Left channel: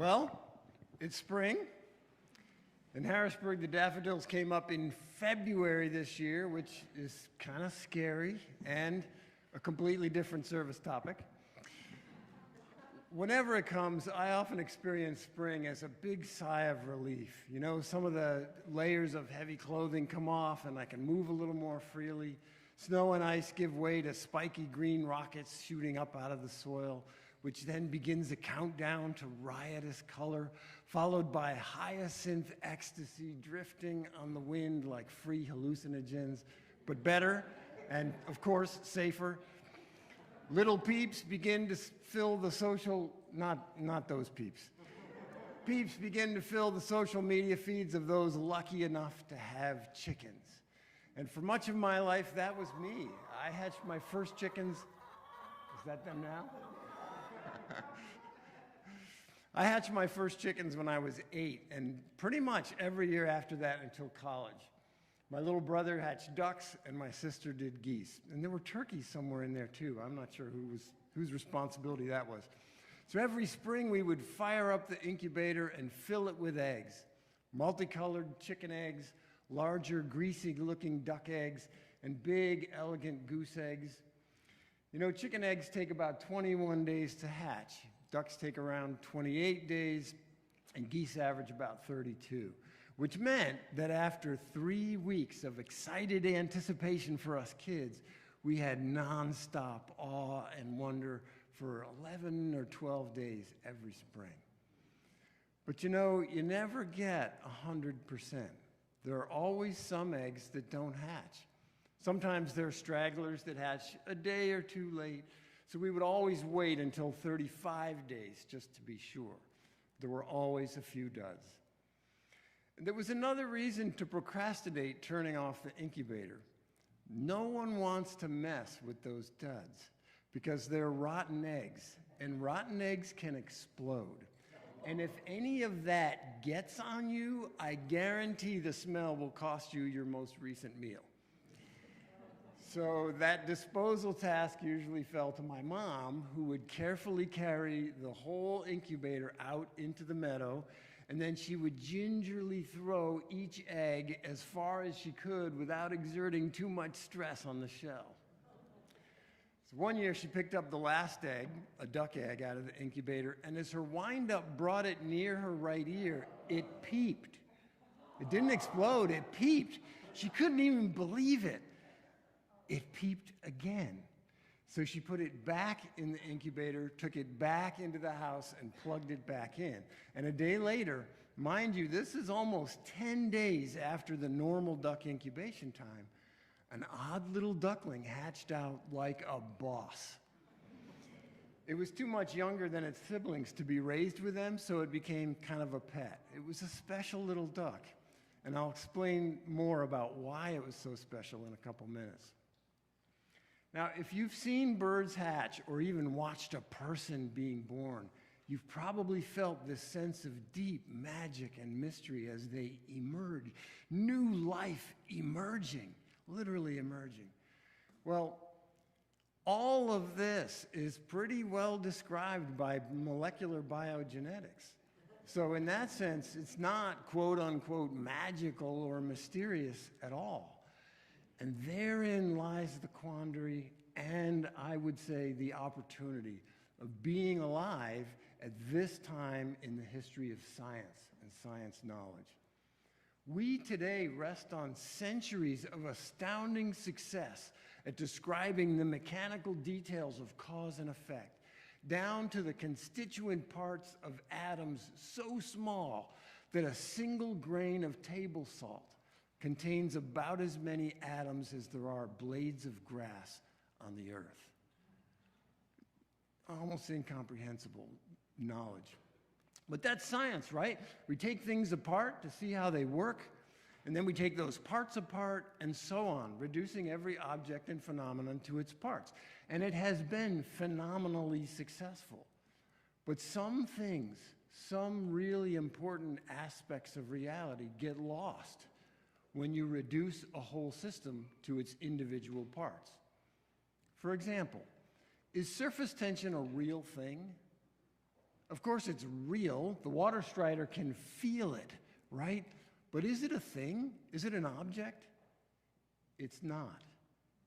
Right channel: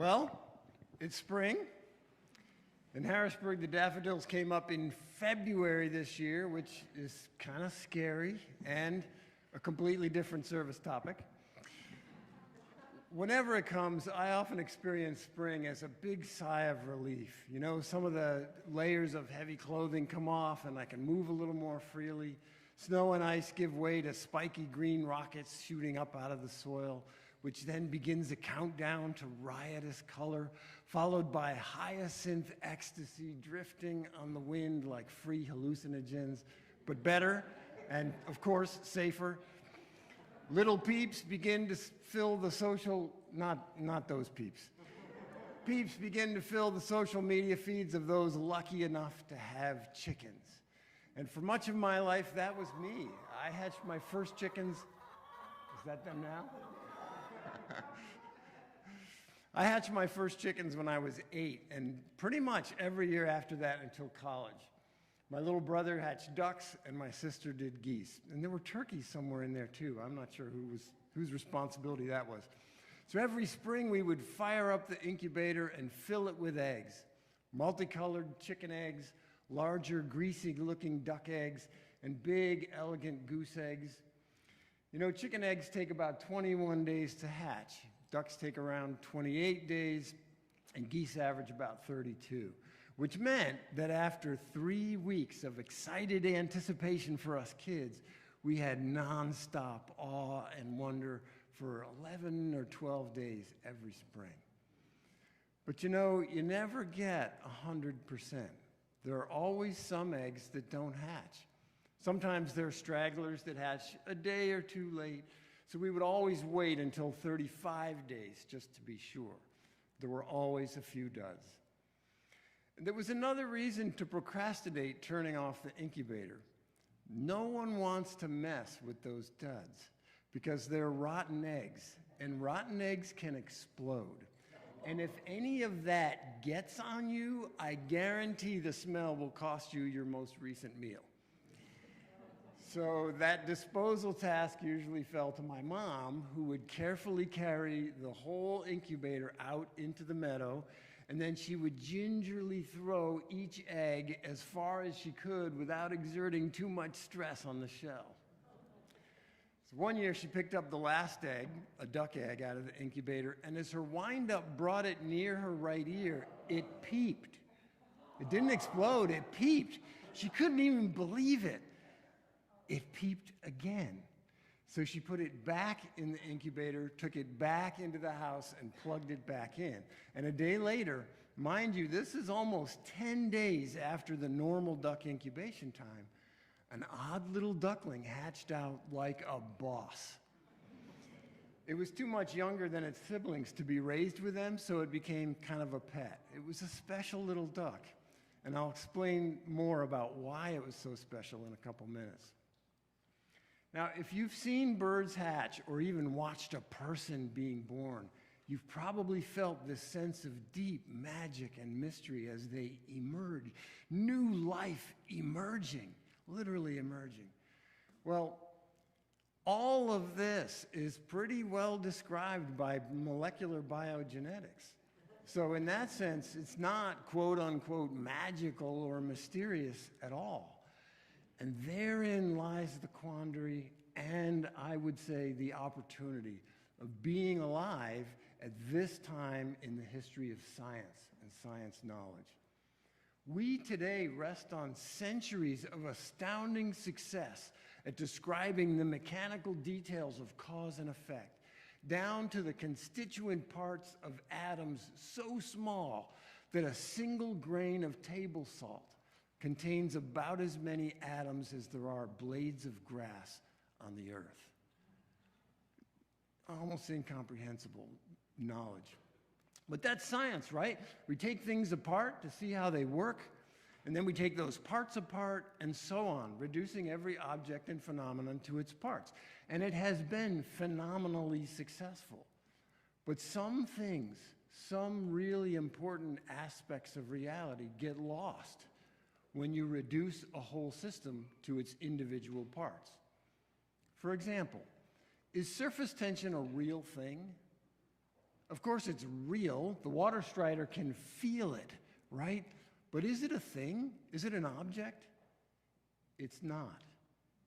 Well, it's spring. In Harrisburg, the daffodils came up in February this year, which is kind of scary and a completely different service topic. Whenever it comes, I often experience spring as a big sigh of relief. You know, some of the layers of heavy clothing come off and I can move a little more freely. Snow and ice give way to spiky green rockets shooting up out of the soil, which then begins a countdown to riotous color, followed by hyacinth ecstasy drifting on the wind like free hallucinogens, but better and, of course, safer. Little peeps begin to fill the social, not those peeps. Peeps begin to fill the social media feeds of those lucky enough to have chickens. And for much of my life, that was me. I hatched my first chickens. Is that them now? I hatched my first chickens when I was 8, and pretty much every year after that until college. My little brother hatched ducks, and my sister did geese. And there were turkeys somewhere in there, too. I'm not sure whose responsibility that was. So every spring, we would fire up the incubator and fill it with eggs. Multicolored chicken eggs, larger, greasy-looking duck eggs, and big, elegant goose eggs. You know, chicken eggs take about 21 days to hatch. Ducks take around 28 days, and geese average about 32, which meant that after 3 weeks of excited anticipation for us kids, we had nonstop awe and wonder for 11 or 12 days every spring. But you know, you never get 100%. There are always some eggs that don't hatch. Sometimes there are stragglers that hatch a day or two late, so we would always wait until 35 days just to be sure. There were always a few duds. And there was another reason to procrastinate turning off the incubator. No one wants to mess with those duds because they're rotten eggs, and rotten eggs can explode. And if any of that gets on you, I guarantee the smell will cost you your most recent meal. So that disposal task usually fell to my mom, who would carefully carry the whole incubator out into the meadow, and then she would gingerly throw each egg as far as she could without exerting too much stress on the shell. So one year she picked up the last egg, a duck egg, out of the incubator, and as her wind-up brought it near her right ear, it peeped. It didn't explode, it peeped. She couldn't even believe it. It peeped again. So she put it back in the incubator, took it back into the house, and plugged it back in. And a day later, mind you, this is almost 10 days after the normal duck incubation time, an odd little duckling hatched out like a boss. It was too much younger than its siblings to be raised with them, so it became kind of a pet. It was a special little duck, and I'll explain more about why it was so special in a couple minutes. Now, if you've seen birds hatch or even watched a person being born, you've probably felt this sense of deep magic and mystery as they emerge. New life emerging, literally emerging. Well, all of this is pretty well described by molecular biogenetics. So in that sense, it's not quote unquote magical or mysterious at all. And therein lies the quandary and, I would say, the opportunity of being alive at this time in the history of science and science knowledge. We today rest on centuries of astounding success at describing the mechanical details of cause and effect, down to the constituent parts of atoms so small that a single grain of table salt contains about as many atoms as there are blades of grass on the earth. Almost incomprehensible knowledge. But that's science, right? We take things apart to see how they work, and then we take those parts apart and so on, reducing every object and phenomenon to its parts. And it has been phenomenally successful. But some things, some really important aspects of reality get lost when you reduce a whole system to its individual parts. For example, is surface tension a real thing? Of course, it's real. The water strider can feel it, right? But is it a thing? Is it an object? It's not.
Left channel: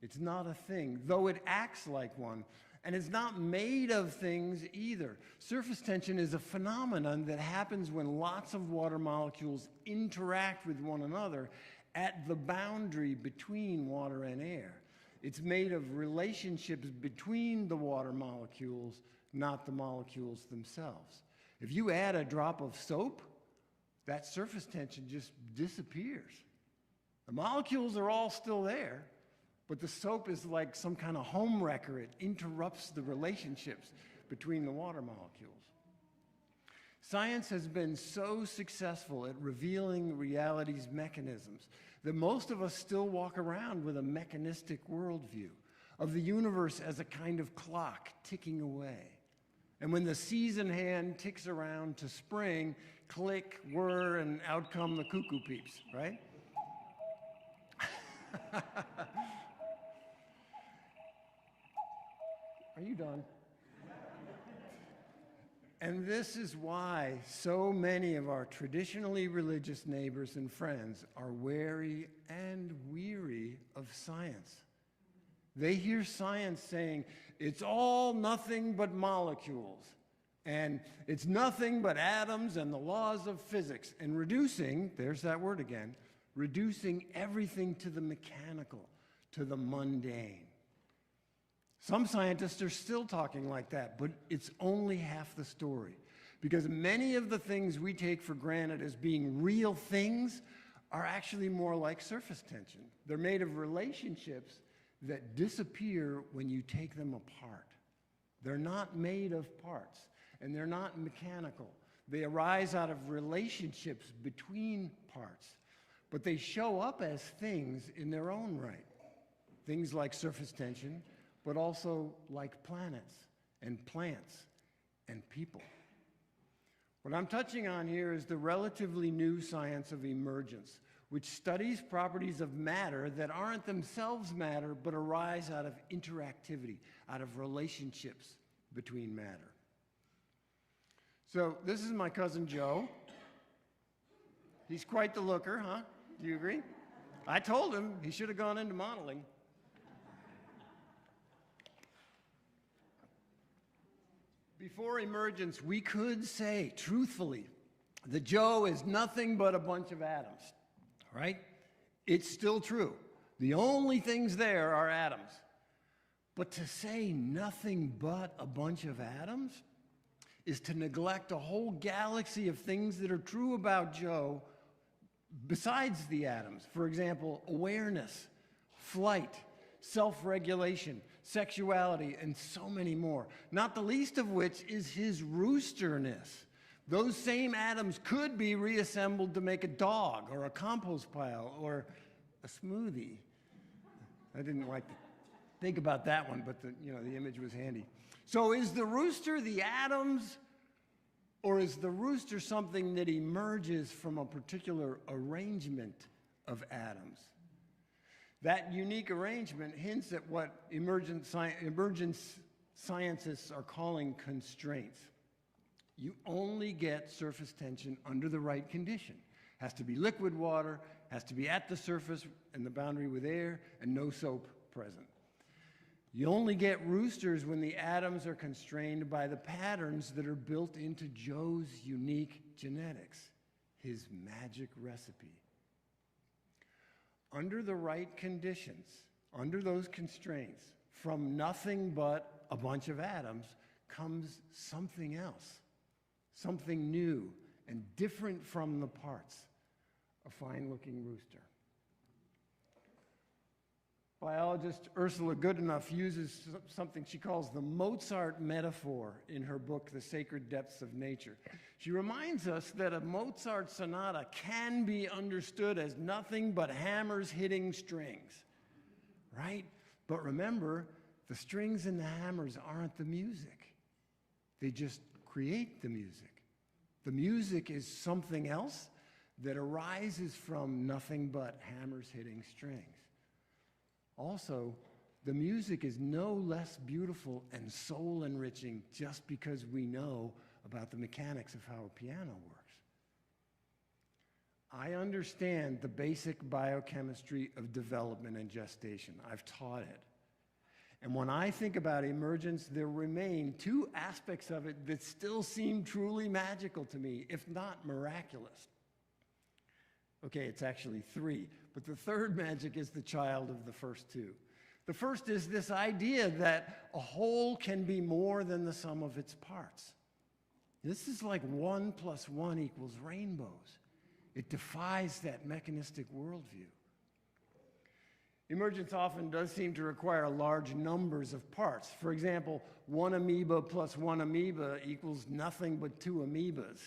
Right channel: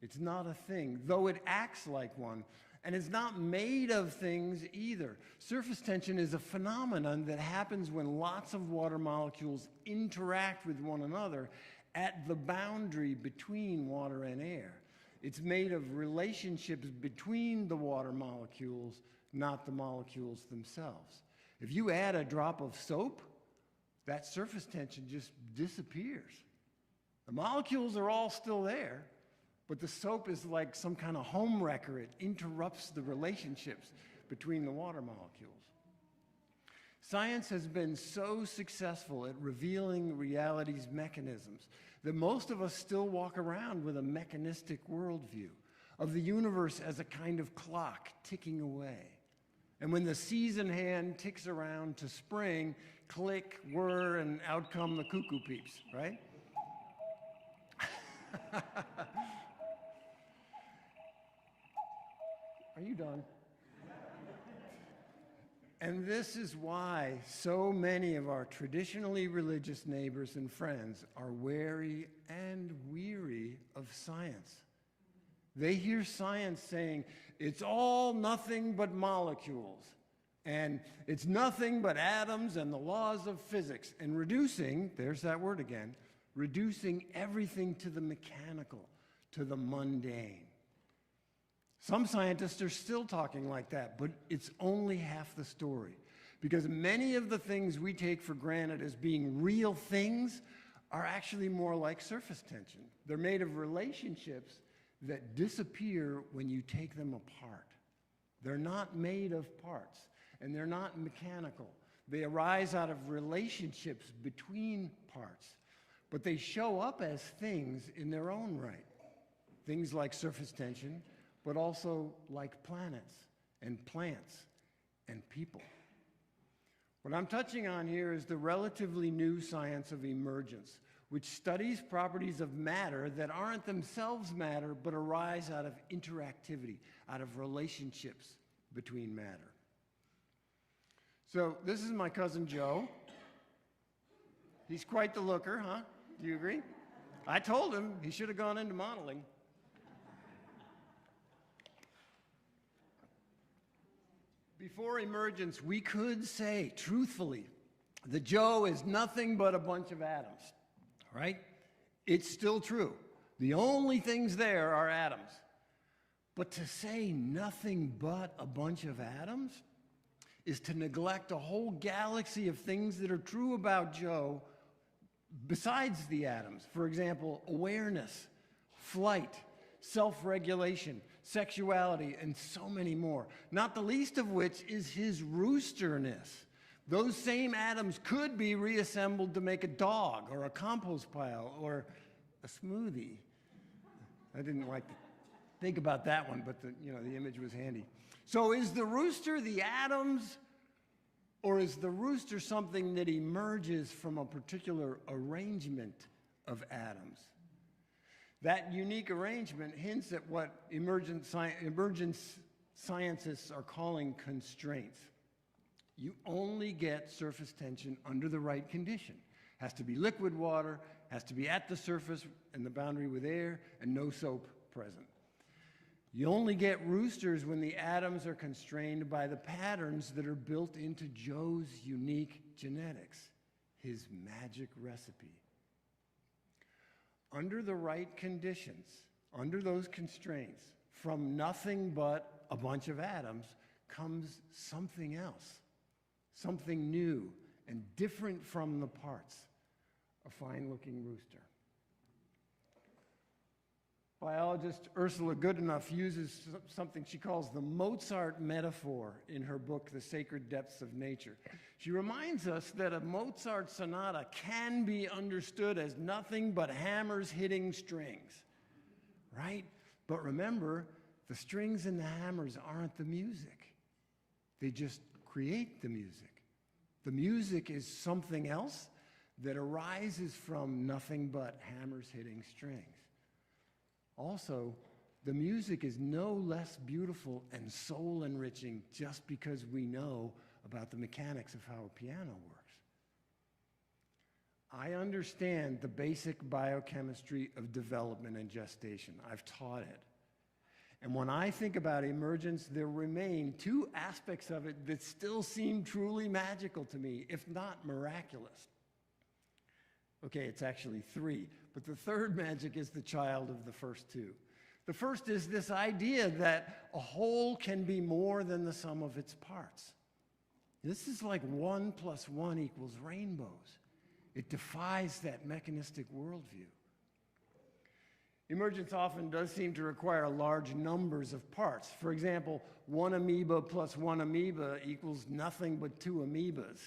It's not a thing, though it acts like one. And it's not made of things either. Surface tension is a phenomenon that happens when lots of water molecules interact with one another at the boundary between water and air. It's made of relationships between the water molecules, not the molecules themselves. If you add a drop of soap, that surface tension just disappears. The molecules are all still there, but the soap is like some kind of home wrecker. It interrupts the relationships between the water molecules. Science has been so successful at revealing reality's mechanisms that most of us still walk around with a mechanistic worldview of the universe as a kind of clock ticking away. And when the season hand ticks around to spring, click, whir, and out come the cuckoo peeps, right? Are you done? And this is why so many of our traditionally religious neighbors and friends are wary and weary of science. They hear science saying, it's all nothing but molecules, and it's nothing but atoms and the laws of physics, and reducing, there's that word again, reducing everything to the mechanical, to the mundane. Some scientists are still talking like that, but it's only half the story. Because many of the things we take for granted as being real things are actually more like surface tension. They're made of relationships that disappear when you take them apart. They're not made of parts, and they're not mechanical. They arise out of relationships between parts, but they show up as things in their own right. Things like surface tension, but also like planets and plants and people. What I'm touching on here is the relatively new science of emergence, which studies properties of matter that aren't themselves matter, but arise out of interactivity, out of relationships between matter. So this is my cousin Joe. He's quite the looker, huh? Do you agree? I told him he should have gone into modeling. Before emergence, we could say, truthfully, that Joe is nothing but a bunch of atoms, right? It's still true. The only things there are atoms. But to say nothing but a bunch of atoms is to neglect a whole galaxy of things that are true about Joe besides the atoms. For example, awareness, flight, self-regulation, sexuality, and so many more. Not the least of which is his roosterness. Those same atoms could be reassembled to make a dog or a compost pile or a smoothie. I didn't like to think about that one, but the image was handy. So is the rooster the atoms, or is the rooster something that emerges from a particular arrangement of atoms? That unique arrangement hints at what emergence scientists are calling constraints. You only get surface tension under the right condition. Has to be liquid water, has to be at the surface and the boundary with air, and no soap present. You only get roosters when the atoms are constrained by the patterns that are built into Joe's unique genetics, his magic recipe. Under the right conditions, under those constraints, from nothing but a bunch of atoms comes something else, something new and different from the parts, a fine-looking rooster. Biologist Ursula Goodenough uses something she calls the Mozart metaphor in her book, The Sacred Depths of Nature. She reminds us that a Mozart sonata can be understood as nothing but hammers hitting strings, right? But remember, the strings and the hammers aren't the music. They just create the music. The music is something else that arises from nothing but hammers hitting strings. Also, the music is no less beautiful and soul-enriching just because we know about the mechanics of how a piano works. I understand the basic biochemistry of development and gestation. I've taught it. And when I think about emergence, there remain two aspects of it that still seem truly magical to me, if not miraculous. Okay, it's actually three, but the third magic is the child of the first two. The first is this idea that a whole can be more than the sum of its parts. This is like 1 + 1 = rainbows. It defies that mechanistic worldview. Emergence often does seem to require large numbers of parts. For example, 1 amoeba plus 1 amoeba equals nothing but 2 amoebas.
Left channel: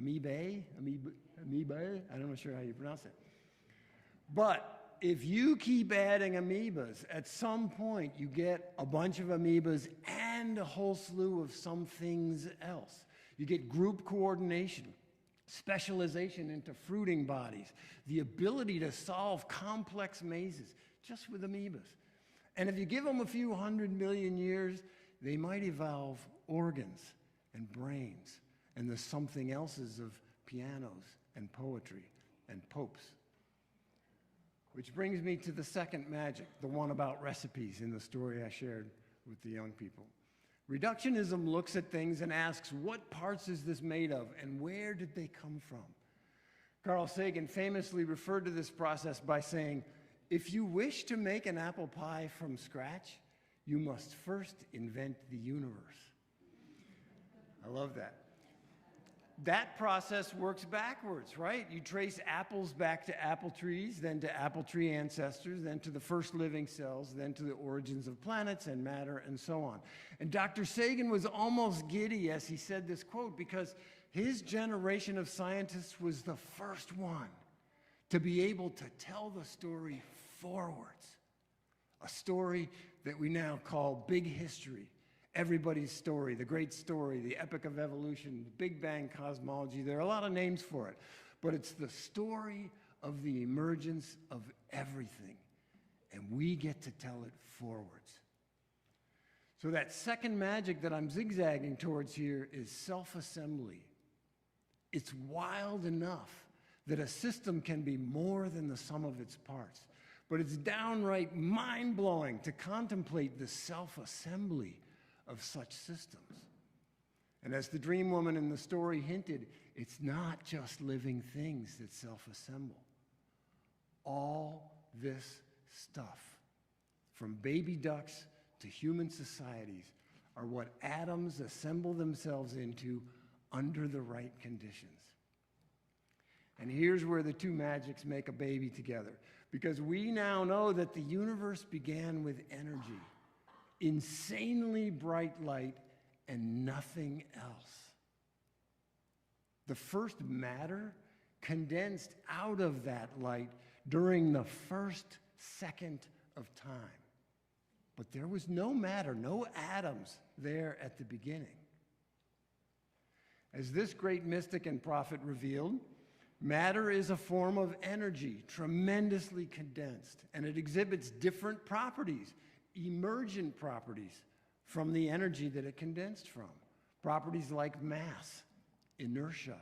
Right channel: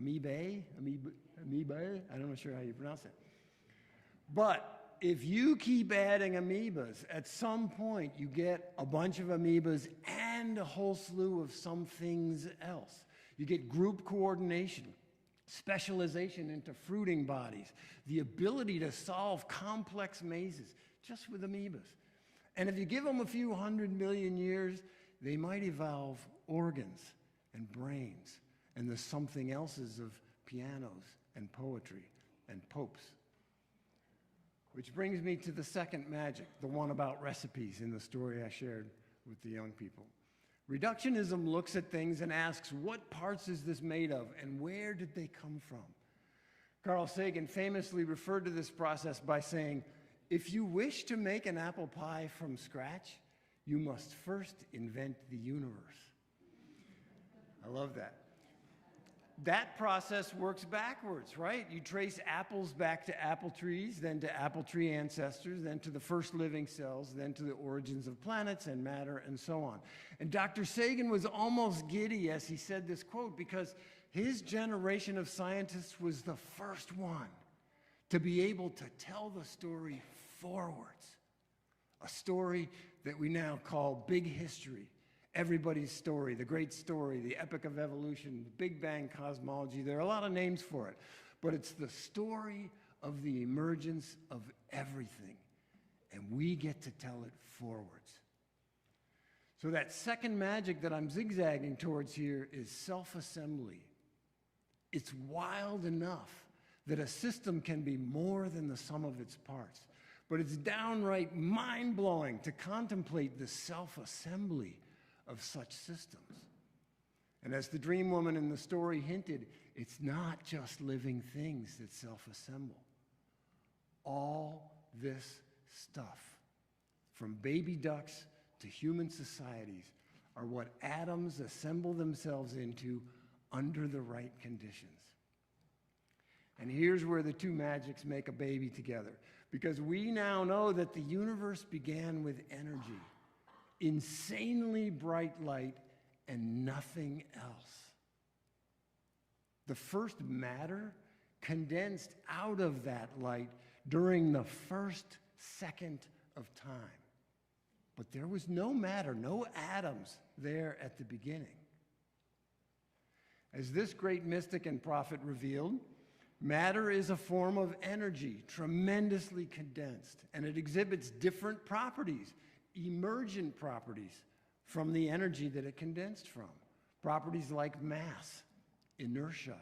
Amoebae? Amoebae? I'm not sure how you pronounce it. But if you keep adding amoebas, at some point you get a bunch of amoebas and a whole slew of some things else. You get group coordination, specialization into fruiting bodies, the ability to solve complex mazes just with amoebas. And if you give them a few 100 million years, they might evolve organs and brains and the something elses of pianos and poetry and popes. Which brings me to the second magic, the one about recipes in the story I shared with the young people. Reductionism looks at things and asks, what parts is this made of and where did they come from? Carl Sagan famously referred to this process by saying, if you wish to make an apple pie from scratch, you must first invent the universe. I love that. That process works backwards, right? You trace apples back to apple trees, then to apple tree ancestors, then to the first living cells, then to the origins of planets and matter and so on. And Dr. Sagan was almost giddy as he said this quote because his generation of scientists was the first one to be able to tell the story forwards. A story that we now call big history. Everybody's story, the great story, the epic of evolution, Big Bang cosmology. There are a lot of names for it, but it's the story of the emergence of everything, and we get to tell it forwards. So that second magic that I'm zigzagging towards here is self-assembly. It's wild enough that a system can be more than the sum of its parts, but it's downright mind-blowing to contemplate the self-assembly of such systems. And as the dream woman in the story hinted, it's not just living things that self-assemble. All this stuff, from baby ducks to human societies, are what atoms assemble themselves into under the right conditions. And here's where the two magics make a baby together, because we now know that the universe began with energy, insanely bright light, and nothing else. The first matter condensed out of that light during the first second of time. But there was no matter, no atoms there at the beginning. As this great mystic and prophet revealed, matter is a form of energy, tremendously condensed, and it exhibits different properties, emergent properties from the energy that it condensed from. Properties like mass, inertia,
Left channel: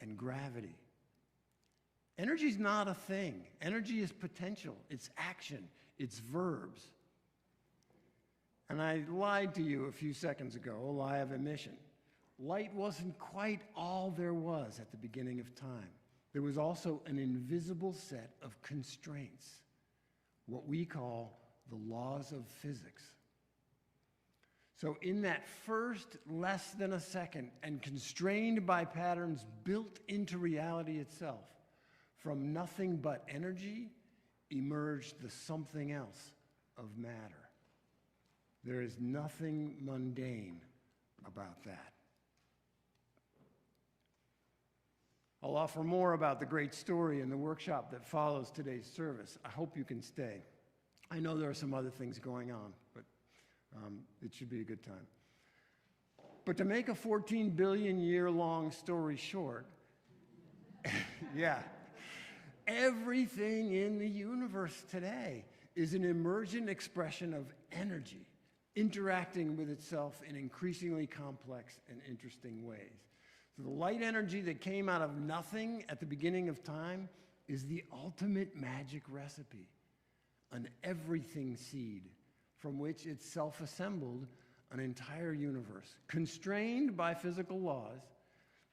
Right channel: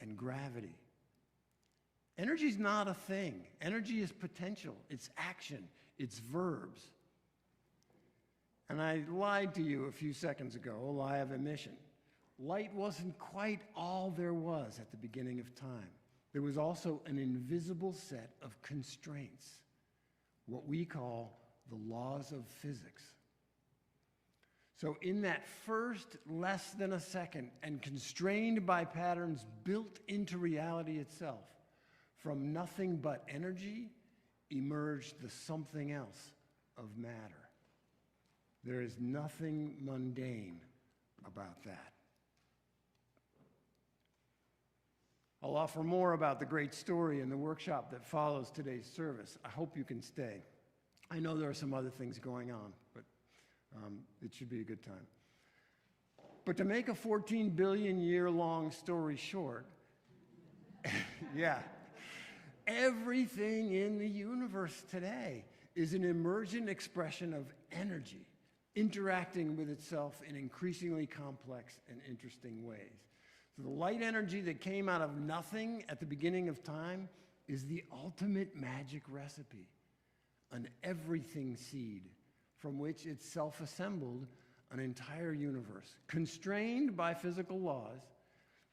and gravity. Energy is not a thing. Energy is potential. It's action. It's verbs. And I lied to you a few seconds ago, a lie of omission. Light wasn't quite all there was at the beginning of time. There was also an invisible set of constraints, what we call the laws of physics. So in that first less than a second and constrained by patterns built into reality itself, from nothing but energy emerged the something else of matter. There is nothing mundane about that. I'll offer more about the great story in the workshop that follows today's service. I hope you can stay. I know there are some other things going on, but it should be a good time. But to make a 14 billion year long story short, yeah, everything in the universe today is an emergent expression of energy, interacting with itself in increasingly complex and interesting ways. So the light energy that came out of nothing at the beginning of time is the ultimate magic recipe, an everything seed from which it self-assembled an entire universe, constrained by physical laws,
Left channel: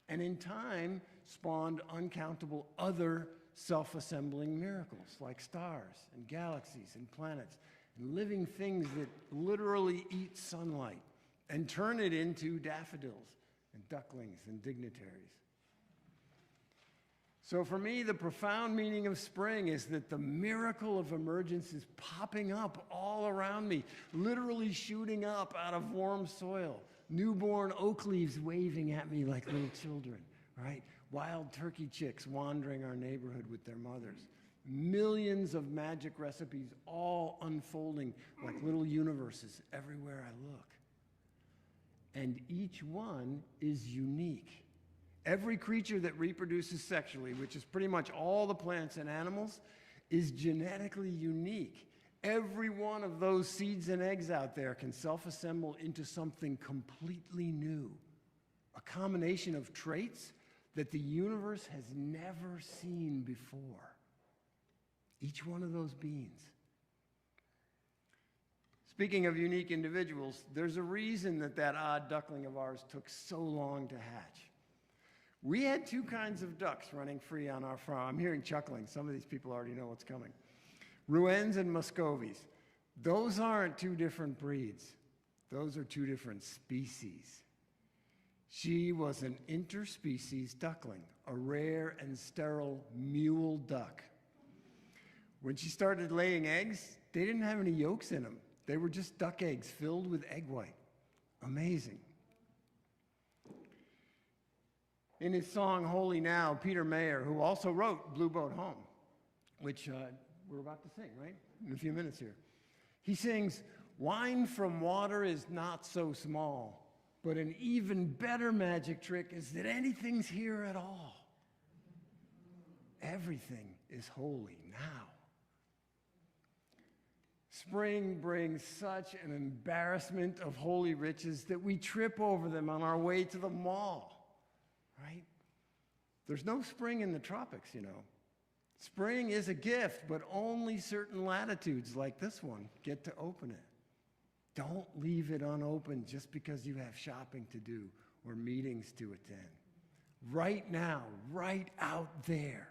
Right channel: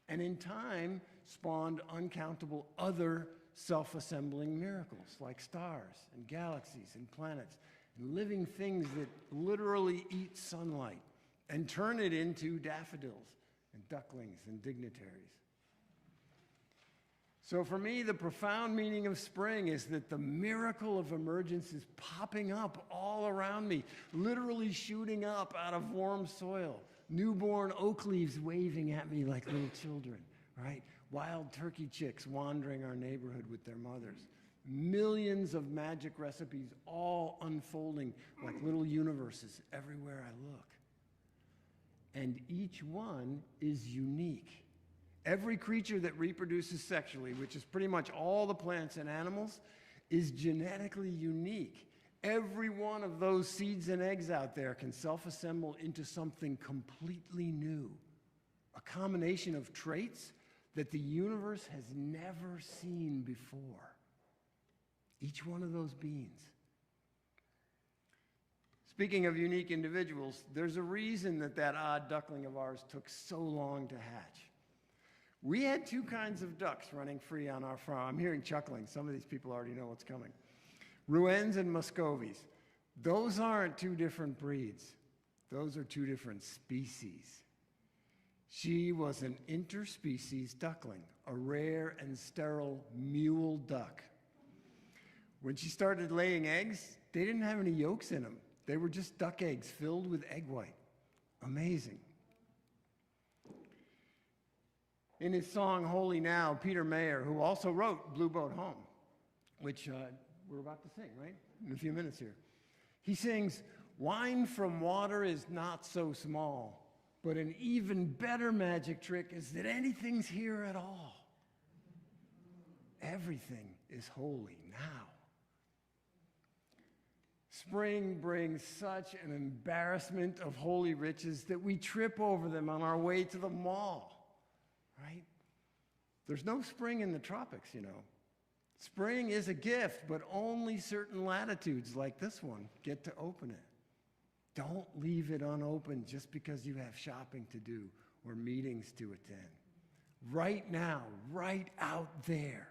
and in time spawned uncountable other self-assembling miracles like stars and galaxies and planets and living things that literally eat sunlight and turn it into daffodils and ducklings and dignitaries. So for me, the profound meaning of spring is that the miracle of emergence is popping up all around me, literally shooting up out of warm soil, newborn oak leaves waving at me like little children, right? Wild turkey chicks wandering our neighborhood with their mothers. Millions of magic recipes all unfolding like little universes everywhere I look. And each one is unique. Every creature that reproduces sexually, which is pretty much all the plants and animals, is genetically unique. Every one of those seeds and eggs out there can self-assemble into something completely new, a combination of traits that the universe has never seen before. Each one of those beings. Speaking of unique individuals, there's a reason that odd duckling of ours took so long to hatch. We had two kinds of ducks running free on our farm. I'm hearing chuckling. Some of these people already know what's coming. Rouens and Muscovies. Those aren't two different breeds. Those are two different species. She was an interspecies duckling, a rare and sterile mule duck. When she started laying eggs, they didn't have any yolks in them. They were just duck eggs filled with egg white. Amazing. In his song, Holy Now, Peter Mayer, who also wrote Blue Boat Home, which we're about to sing, right? In a few minutes here. He sings, "Wine from water is not so small, but an even better magic trick is that anything's here at all. Everything is holy now." Spring brings such an embarrassment of holy riches that we trip over them on our way to the mall, right? There's no spring in the tropics, you know. Spring is a gift, but only certain latitudes like this one get to open it. Don't leave it unopened just because you have shopping to do or meetings to attend. Right now, right out there,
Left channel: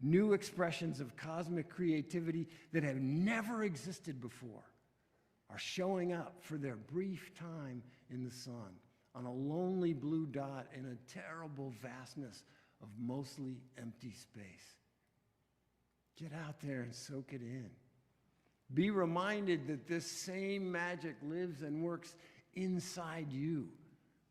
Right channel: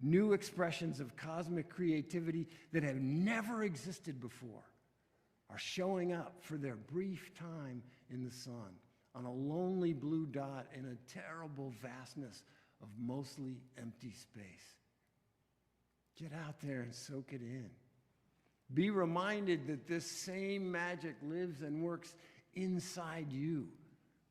new expressions of cosmic creativity that have never existed before are showing up for their brief time in the sun on a lonely blue dot in a terrible vastness of mostly empty space. Get out there and soak it in. Be reminded that this same magic lives and works inside you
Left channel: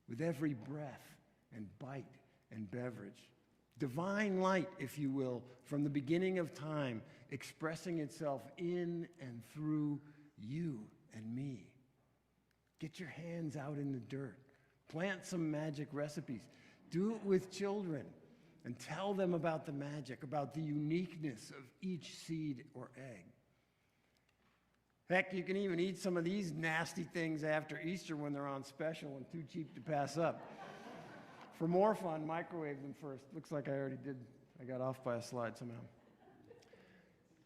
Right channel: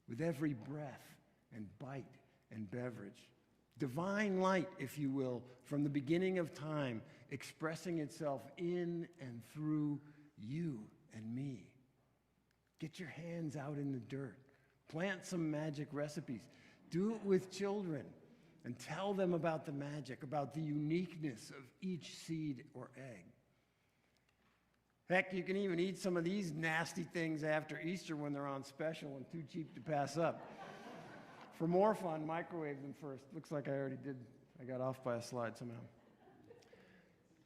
with every breath and bite and beverage. Divine light, if you will, from the beginning of time, expressing itself in and through you and me. Get your hands out in the dirt. Plant some magic recipes. Do it with children and tell them about the magic, about the uniqueness of each seed or egg. Heck, you can even eat some of these nasty things after Easter when they're on special and too cheap to pass up. For more fun, microwave them first. Looks like I already did. I got off by a slide somehow.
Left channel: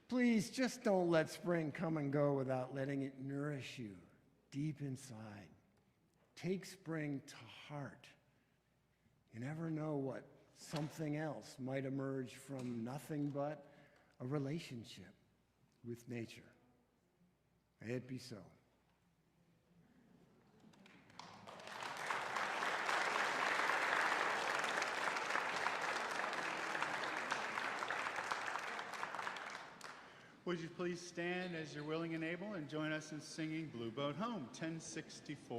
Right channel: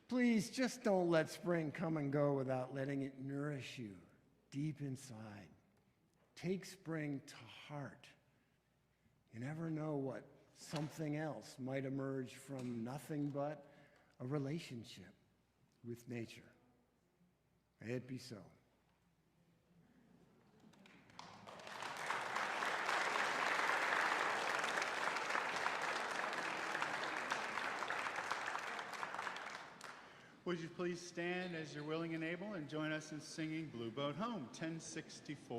Please, just don't let spring come and go without letting it nourish you deep inside. Take spring to heart. You never know what something else might emerge from nothing but a relationship with nature. May it be so. Would you please stand as you're willing and able and join us in singing Blue Boat Home, 1064.